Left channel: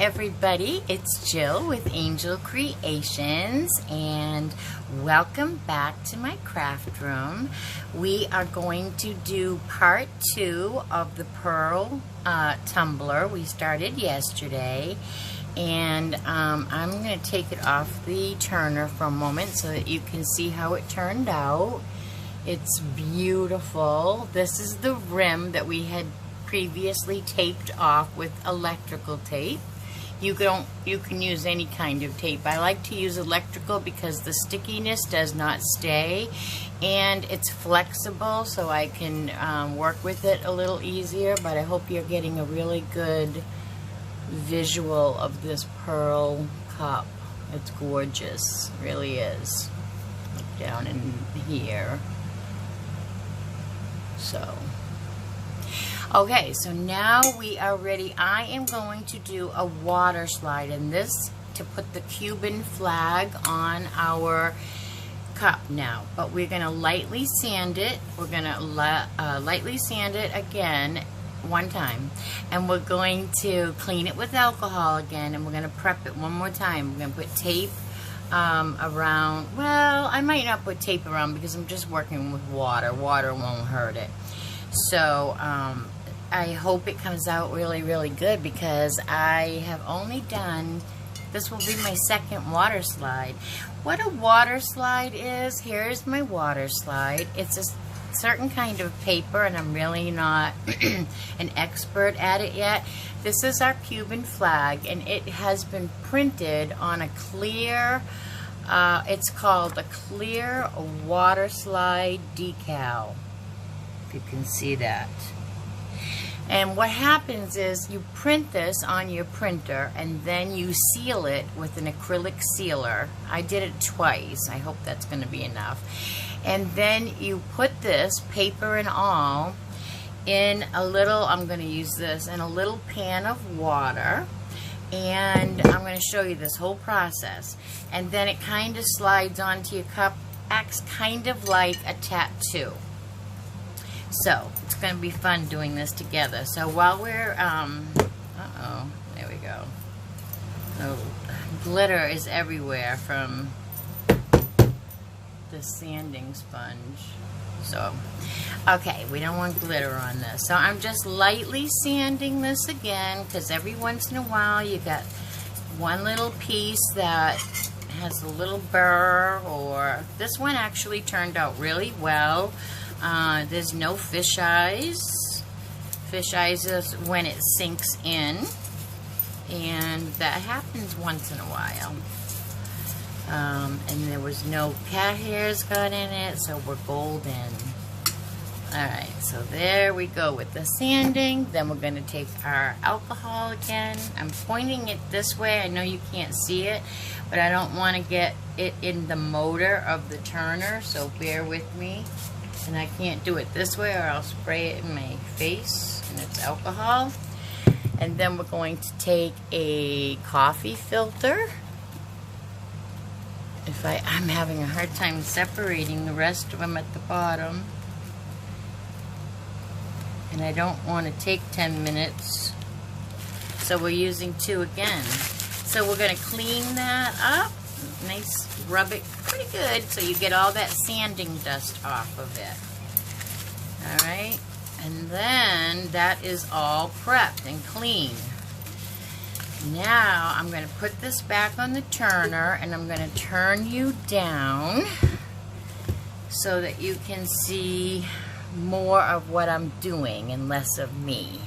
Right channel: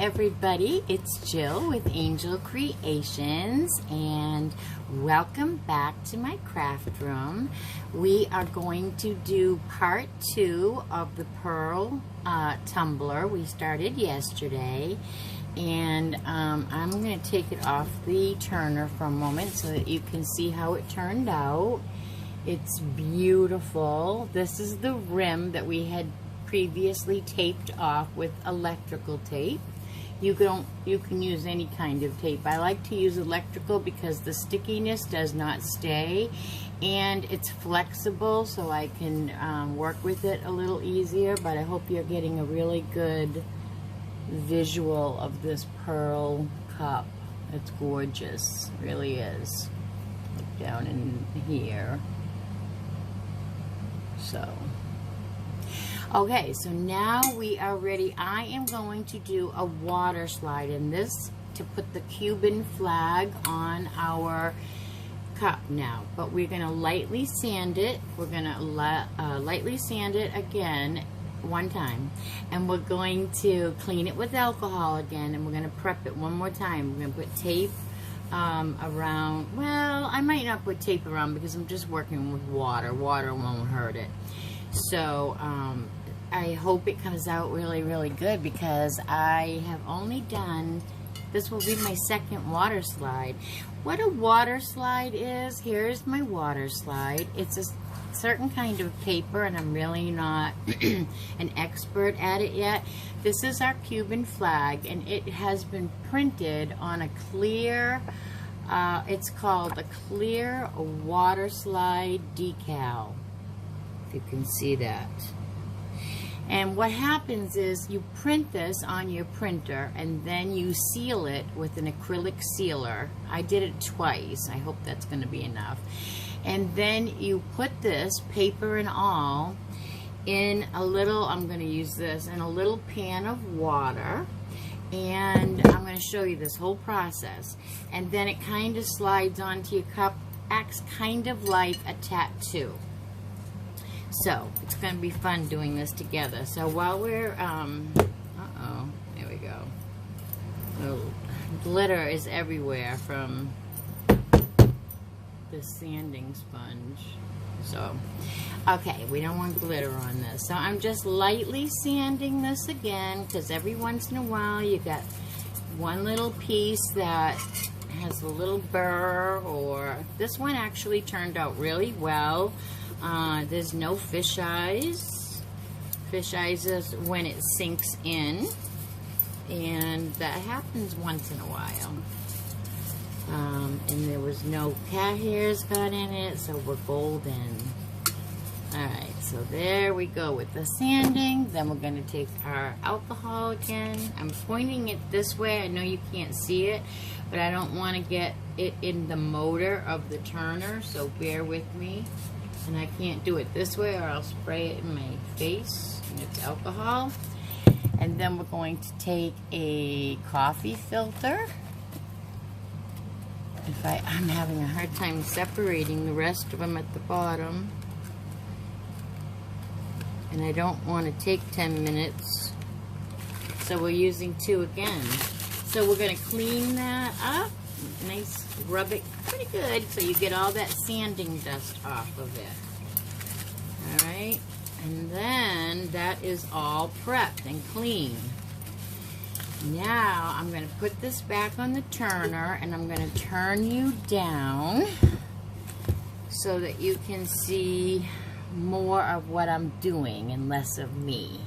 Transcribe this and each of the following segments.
everybody, it's Jill with Angel Creations and welcome back to my craft room. We are going to do part 2 of the pearl tumbler we started yesterday, and I'm going to take it off the turner for a moment so that you can see how it turned out. It's beautiful. This is the rim that we had previously taped off with electrical tape. You can use any kind of tape. I like to use electrical because the stickiness does not stay and it's flexible, so I can work with it a little easier. But I hope you're getting a really good visual of this pearl cup. It's gorgeous, it really is. Look down in here. So okay, so now we are ready. I am going to do a water slide in this to put the Cuban flag on our cup now. But we're going to lightly sand it. We're going to lightly sand it again one time. And we're going to clean it with alcohol again. And we're going to prep it one more time. We're going to put tape around. Well, I might not put tape around because I'm just working with water. Water won't hurt it. So, I hope it comes out really, really good because I have only done, this will be my second water slide. What a water slide is, here's my water slide. It's a certain kind of paper and I'm really not an expert at it yet. This is our Cuban flag and it has been printed on a clear, it's called a clear water slide decal. If you can see that. And what happens is you print this on your printer and then you seal it with an acrylic sealer. I did it twice. I hope that's going to be enough. And then you put this, paper and all, in a little, I'm going to use this, in a little pan of water. And I'm going to show you this whole process. And then it kind of slides onto your cup, acts kind of like a tattoo. So, it's going to be fun doing this together. So while we're, there we go. Oh, glitter is everywhere from the sanding sponge. So, okay, we don't want glitter on this. So I'm just lightly sanding this again because every once in a while you got one little piece that has a little burr, or this one actually turned out really well. There's no fish eyes. Fish eyes is when it sinks in, and that happens once in a while. And there was no cat hairs got in it, so we're golden. Alright, so there we go with the sanding. Then we're going to take our alcohol again. I'm pointing it this way. I know you can't see it, but I don't want to get it in the motor of the turner, so bear with me. And I can't do it this way or I'll spray it in my face, and it's alcohol. And then we're going to take a coffee filter. I'm having a hard time separating the rest of them at the bottom. And I don't want to take 10 minutes. So we're using 2 again. So we're going to clean that up. Nice, rub it pretty good so you get all that sanding dust off of it. Alright, and then that is all prepped and clean. Now I'm going to put this back on the turner and I'm going to turn you down so that you can see more of what I'm doing and less of me.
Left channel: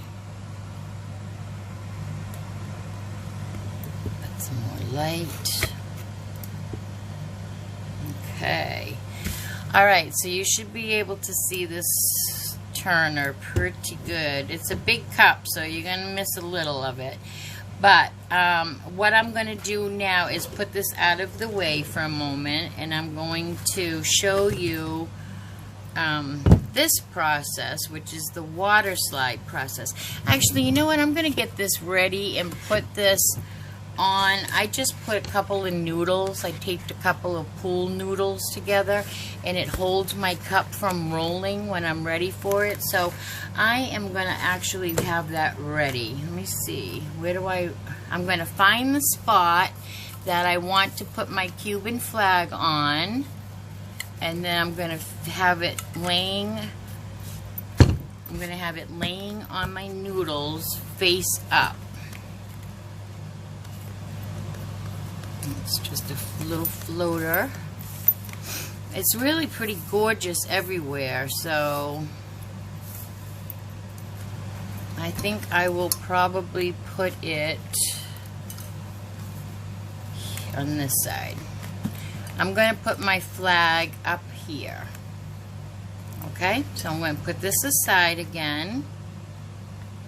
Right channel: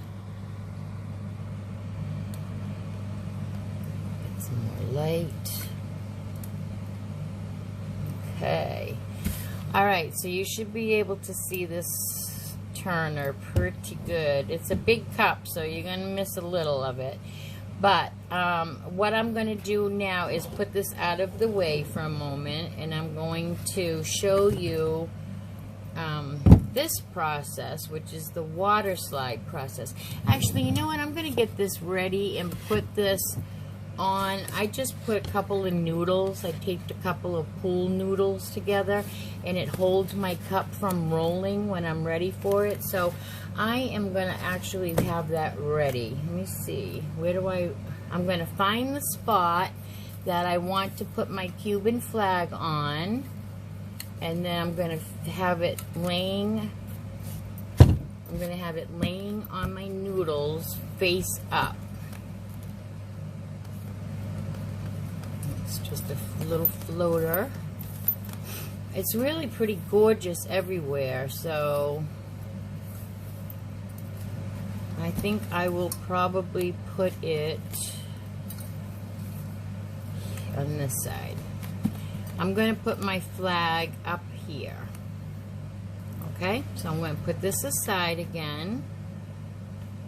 Put some more light. Okay. Alright, so you should be able to see this turner pretty good. It's a big cup, so you're going to miss a little of it. But what I'm going to do now is put this out of the way for a moment, and I'm going to show you this process, which is the water slide process. Actually, you know what? I'm going to get this ready and put this on, I just put a couple of noodles. I taped a couple of pool noodles together, and it holds my cup from rolling when I'm ready for it. So I am going to actually have that ready. Let me see. Where do I'm going to find the spot that I want to put my Cuban flag on, and then I'm going to have it laying. I'm going to have it laying on my noodles face up. It's just a little floater. It's really pretty gorgeous everywhere, so I think I will probably put it on this side. I'm going to put my flag up here. Okay, so I'm going to put this aside again,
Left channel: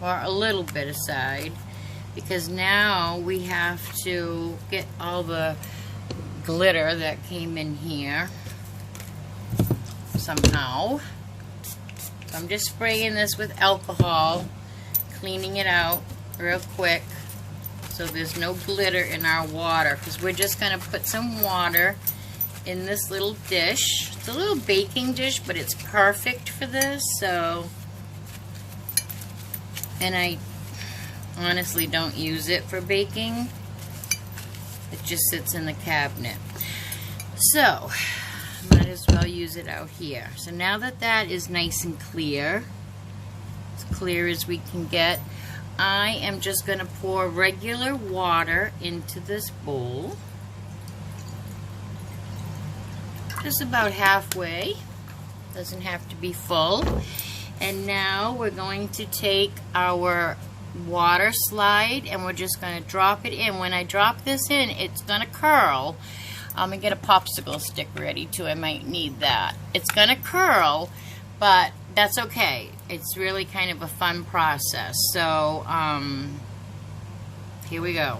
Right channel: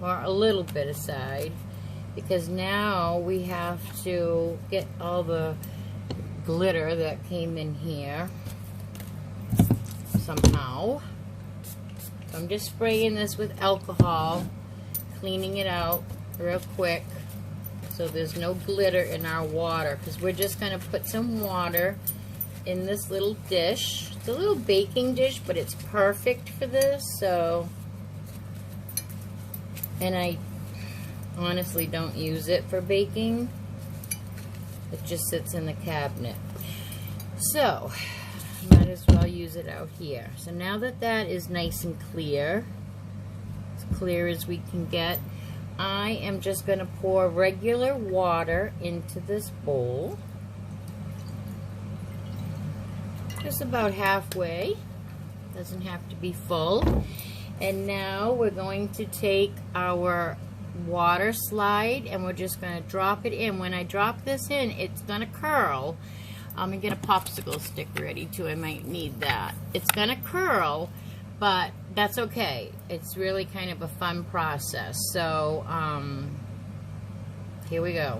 or a little bit aside, because now we have to get all the glitter that came in here somehow. So I'm just spraying this with alcohol, cleaning it out real quick so there's no glitter in our water, because we're just going to put some water in this little dish. It's a little baking dish, but it's perfect for this. So, and I honestly don't use it for baking. It just sits in the cabinet. So, might as well use it out here. So now that that is nice and clear, as clear as we can get, I am just going to pour regular water into this bowl. Just about halfway. Doesn't have to be full. And now we're going to take our water slide and we're just going to drop it in. When I drop this in, it's going to curl. I'm going to get a popsicle stick ready too. I might need that. It's going to curl, but that's okay. It's really kind of a fun process. So, here we go.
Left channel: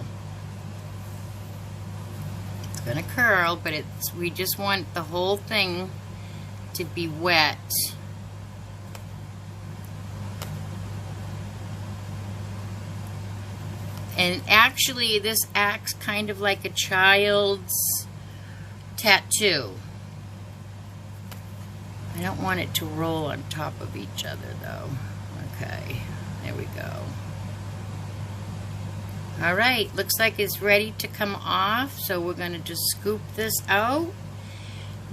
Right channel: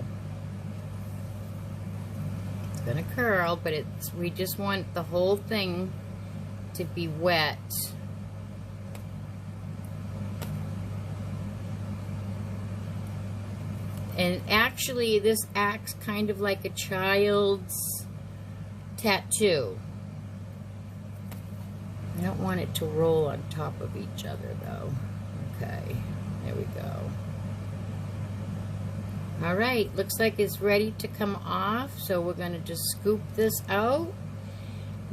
It's going to curl, but we just want the whole thing to be wet. And actually, this acts kind of like a child's tattoo. I don't want it to roll on top of each other, though. Okay, there we go. All right, looks like it's ready to come off, so we're going to just scoop this out.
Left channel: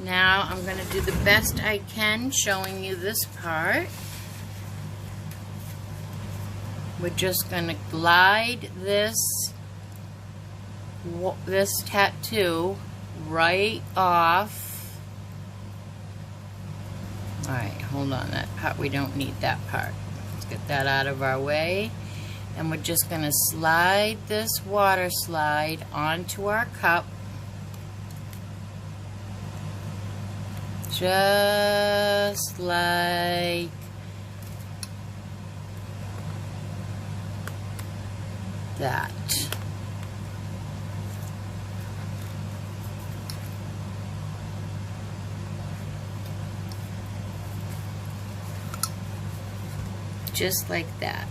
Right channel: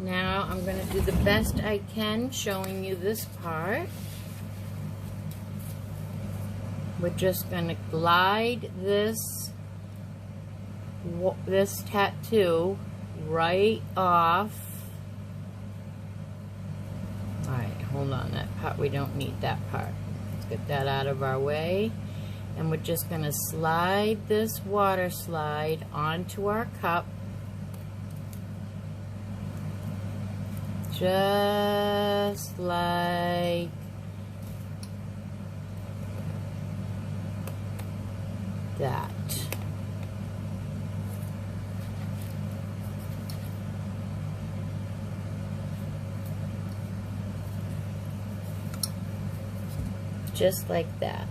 Now, I'm going to do the best I can showing you this part. We're just going to glide this tattoo right off. Alright, hold on, that part, we don't need that part. Let's get that out of our way. And we're just going to slide this water slide onto our cup. Just like that. Just like that.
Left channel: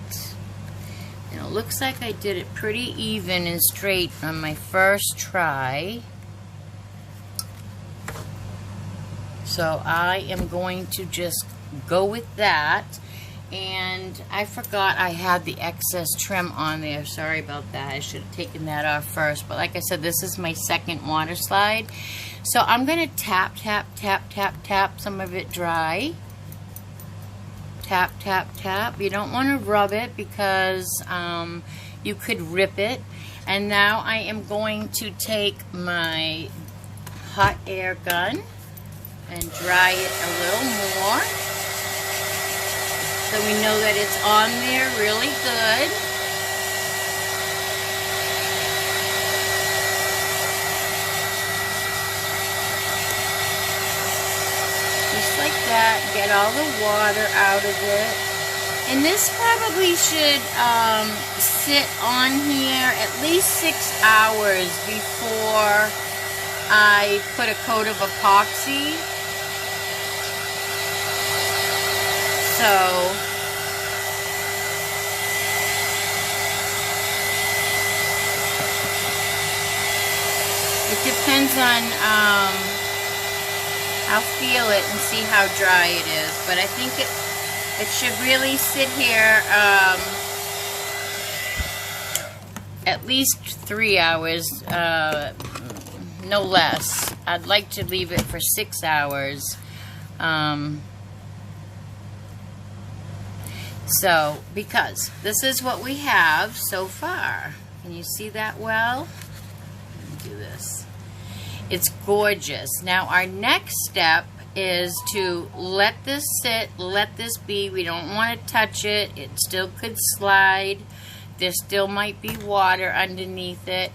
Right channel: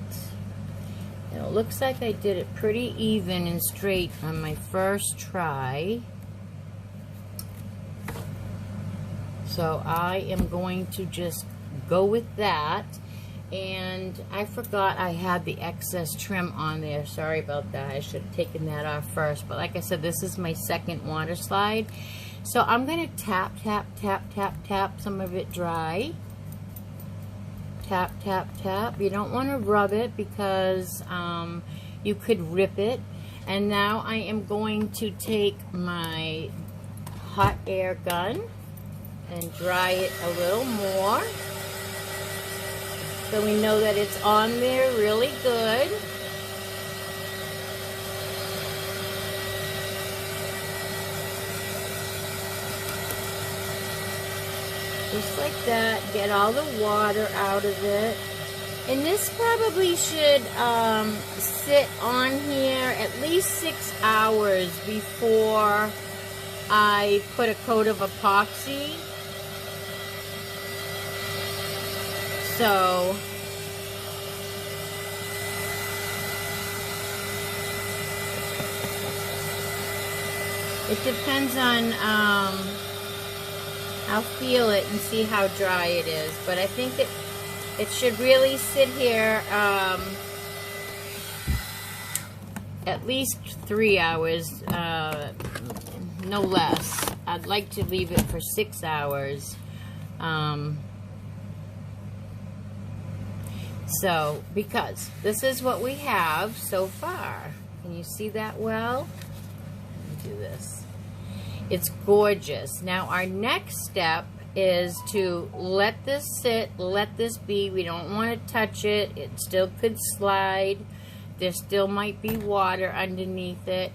And it looks like I did it pretty even and straight on my first try. So I am going to just go with that. And I forgot I had the excess trim on there. Sorry about that. I should have taken that off first. But like I said, this is my second water slide. So I'm going to tap, tap, tap, tap, tap some of it dry. Tap, tap, tap. You don't want to rub it because you could rip it. And now I am going to take my hot air gun and dry it a little more. So we know that it's on there really good. Just like that, get all the water out of it. And this probably should sit on here at least 6 hours before I put a coat of epoxy. So, It depends on, I'll feel it and see how dry it is, but I think it should really sit here at least 3 hours, no less. I'd like to leave it for 6 hours. So, because this is what we have so far. Can you see that well? Let me do this. It's gorgeous. Now, our next step is to let this sit, let this be. We don't want to touch it. It still could slide. There still might be water underneath it.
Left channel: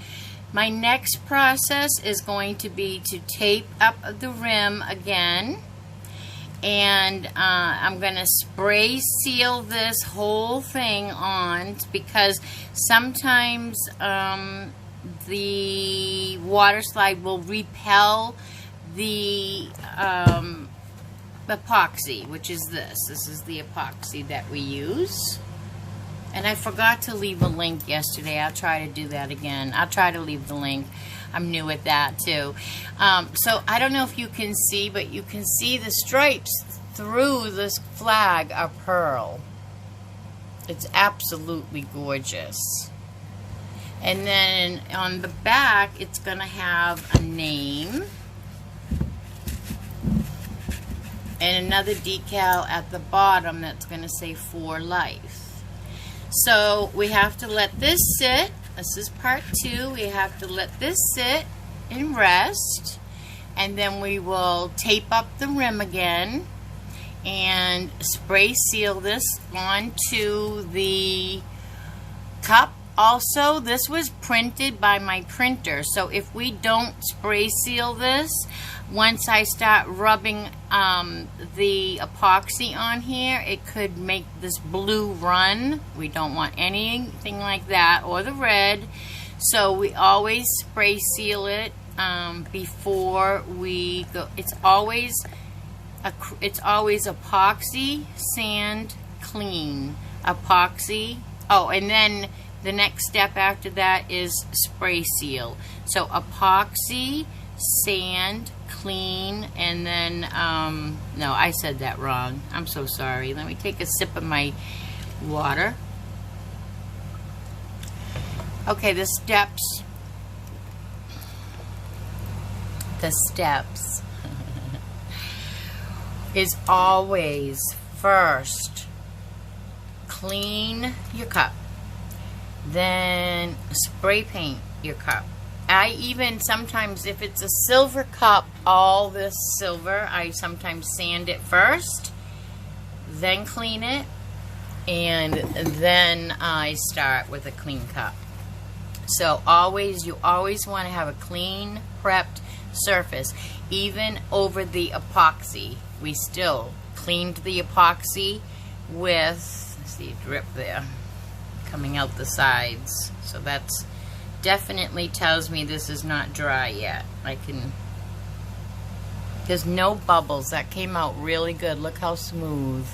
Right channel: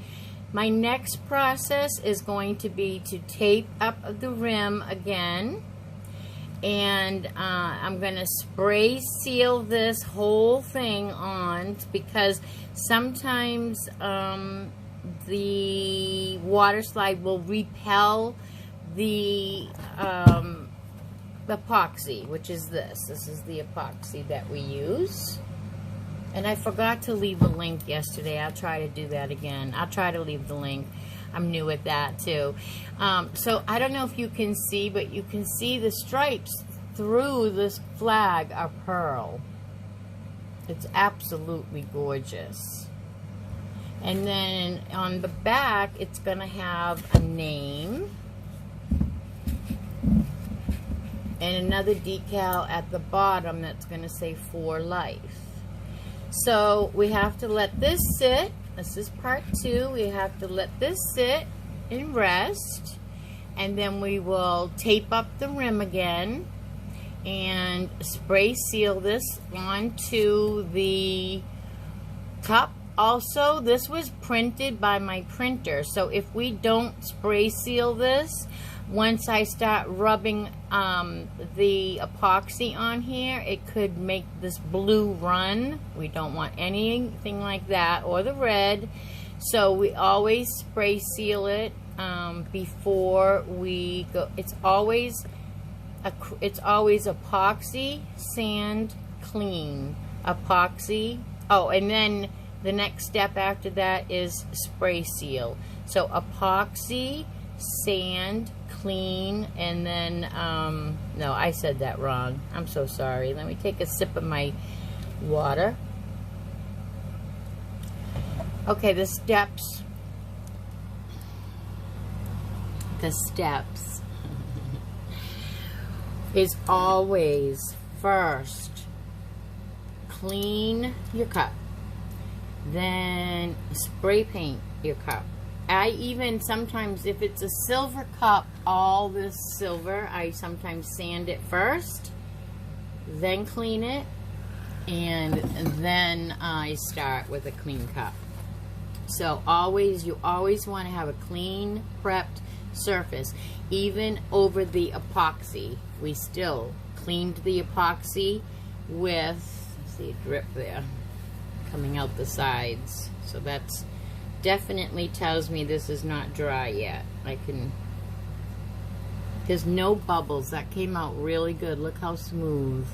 My next process is going to be to tape up the rim again. And I'm going to spray seal this whole thing on, because sometimes the water slide will repel the epoxy, which is this. This is the epoxy that we use. And I forgot to leave a link yesterday. I'll try to do that again. I'll try to leave the link. I'm new at that too. So I don't know if you can see, but you can see the stripes through this flag are pearl. It's absolutely gorgeous. And then on the back, it's going to have a name and another decal at the bottom that's going to say For Life. So we have to let this sit. This is part 2. We have to let this sit and rest, and then we will tape up the rim again and spray seal this onto the cup. Also, this was printed by my printer, so if we don't spray seal this, once I start rubbing the epoxy on here, it could make this blue run. We don't want anything like that, or the red. So we always spray seal it before we go. It's always epoxy, sand, clean, epoxy. Oh, and then the next step after that is spray seal. So epoxy, sand, clean, and then no, I said that wrong. I'm so sorry. Let me take a sip of my water. Okay, the steps is always first clean your cup, then spray paint your cup. I even sometimes, if it's a silver cup, all this silver, I sometimes sand it first, then clean it, and then I start with a clean cup. So you always want to have a clean, prepped surface. Even over the epoxy, we still cleaned the epoxy with, see a drip there coming out the sides. So that's definitely tells me this is not dry yet. There's no bubbles. That came out really good. Look how smooth.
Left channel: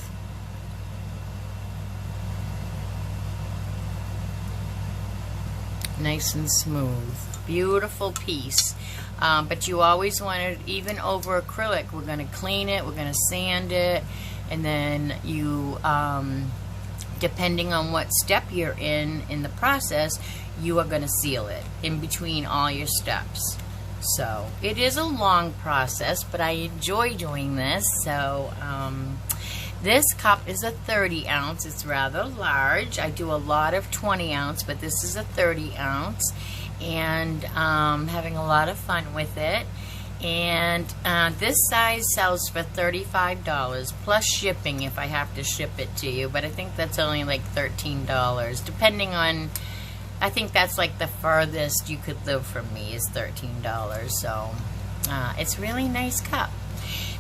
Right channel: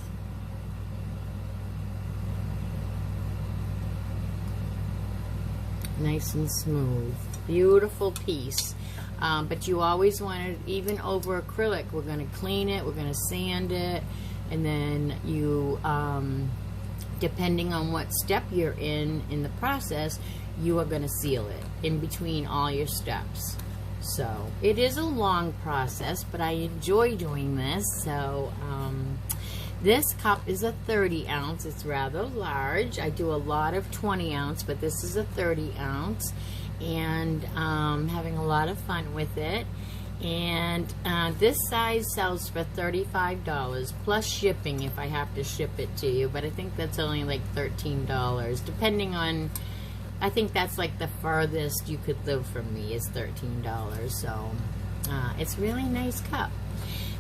Nice and smooth. Beautiful piece. But you always want it, even over acrylic, we're going to clean it, we're going to sand it, and then you, depending on what step you're in the process, you are going to seal it in between all your steps. So it is a long process, but I enjoy doing this. So this cup is a 30 ounce. It's rather large. I do a lot of 20 ounce, but this is a 30 ounce. And having a lot of fun with it. And this size sells for $35 plus shipping if I have to ship it to you, but I think that's only like $13 depending on, I think that's like the farthest you could live from me is $13. So it's really nice cup.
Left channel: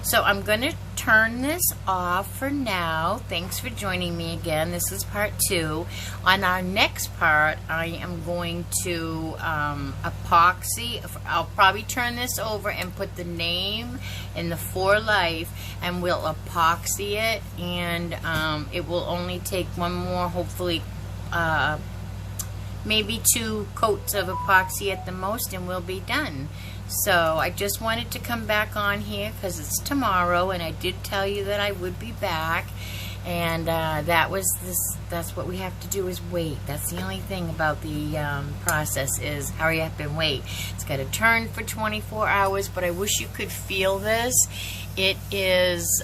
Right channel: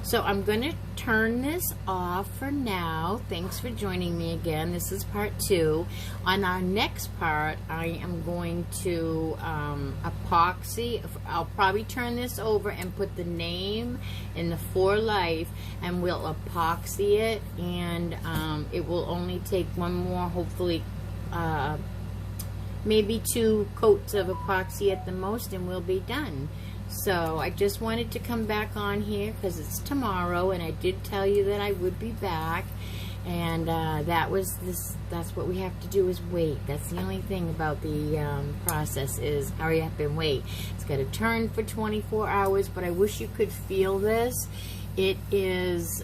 So I'm going to turn this off for now. Thanks for joining me again. This is part 2. On our next part, I am going to epoxy. I'll probably turn this over and put the name and the For Life, and we'll epoxy it, and it will only take one more, hopefully, maybe 2 coats of epoxy at the most, and we'll be done. So I just wanted to come back on here because it's tomorrow, and I did tell you that I would be back. And that's what we have to do, is wait. That's the only thing about the process, is hurry up and wait. It's got to turn for 24 hours, but I wish you could feel this. It is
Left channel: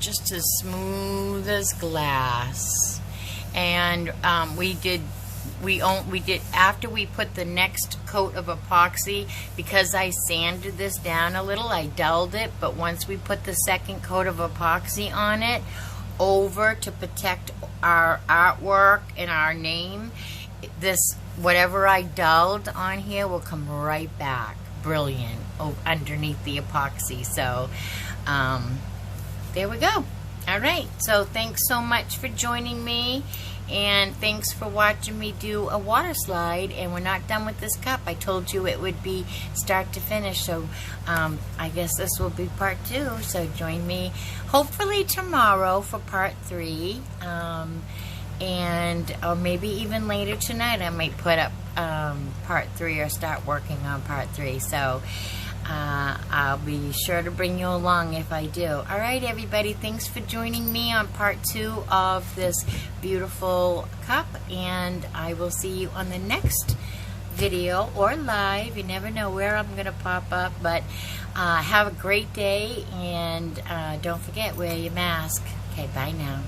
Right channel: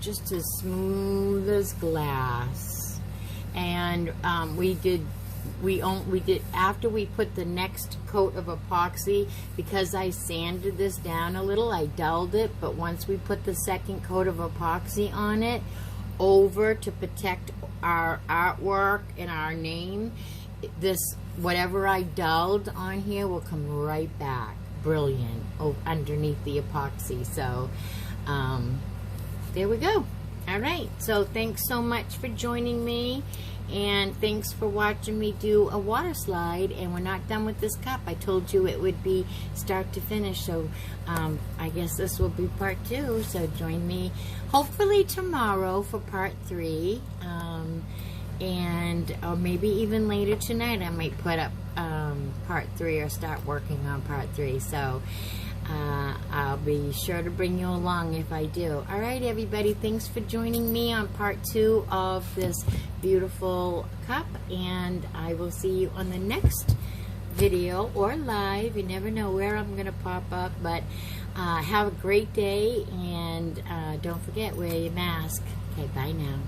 just as smooth as glass. And we did after we put the next coat of epoxy, because I sanded this down a little, I dulled it, but once we put the second coat of epoxy on it over to protect our artwork and our name, this, whatever I dulled on here will come right back brilliant underneath the epoxy. So there we go. All right, so thanks so much for joining me, and thanks for watching me do a water slide. And we're not done with this cup. I told you it would be start to finish, so I guess this will be part 2. So join me hopefully tomorrow for part 3, and or maybe even later tonight I might put up part 3 or start working on part 3. So I'll be sure to bring you along if I do. All right, everybody, thanks for joining me on part 2 of this beautiful cup, and I will see you on the next video or live. You never know where I'm gonna pop up, but have a great day, and don't forget, wear your mask. Okay, bye now.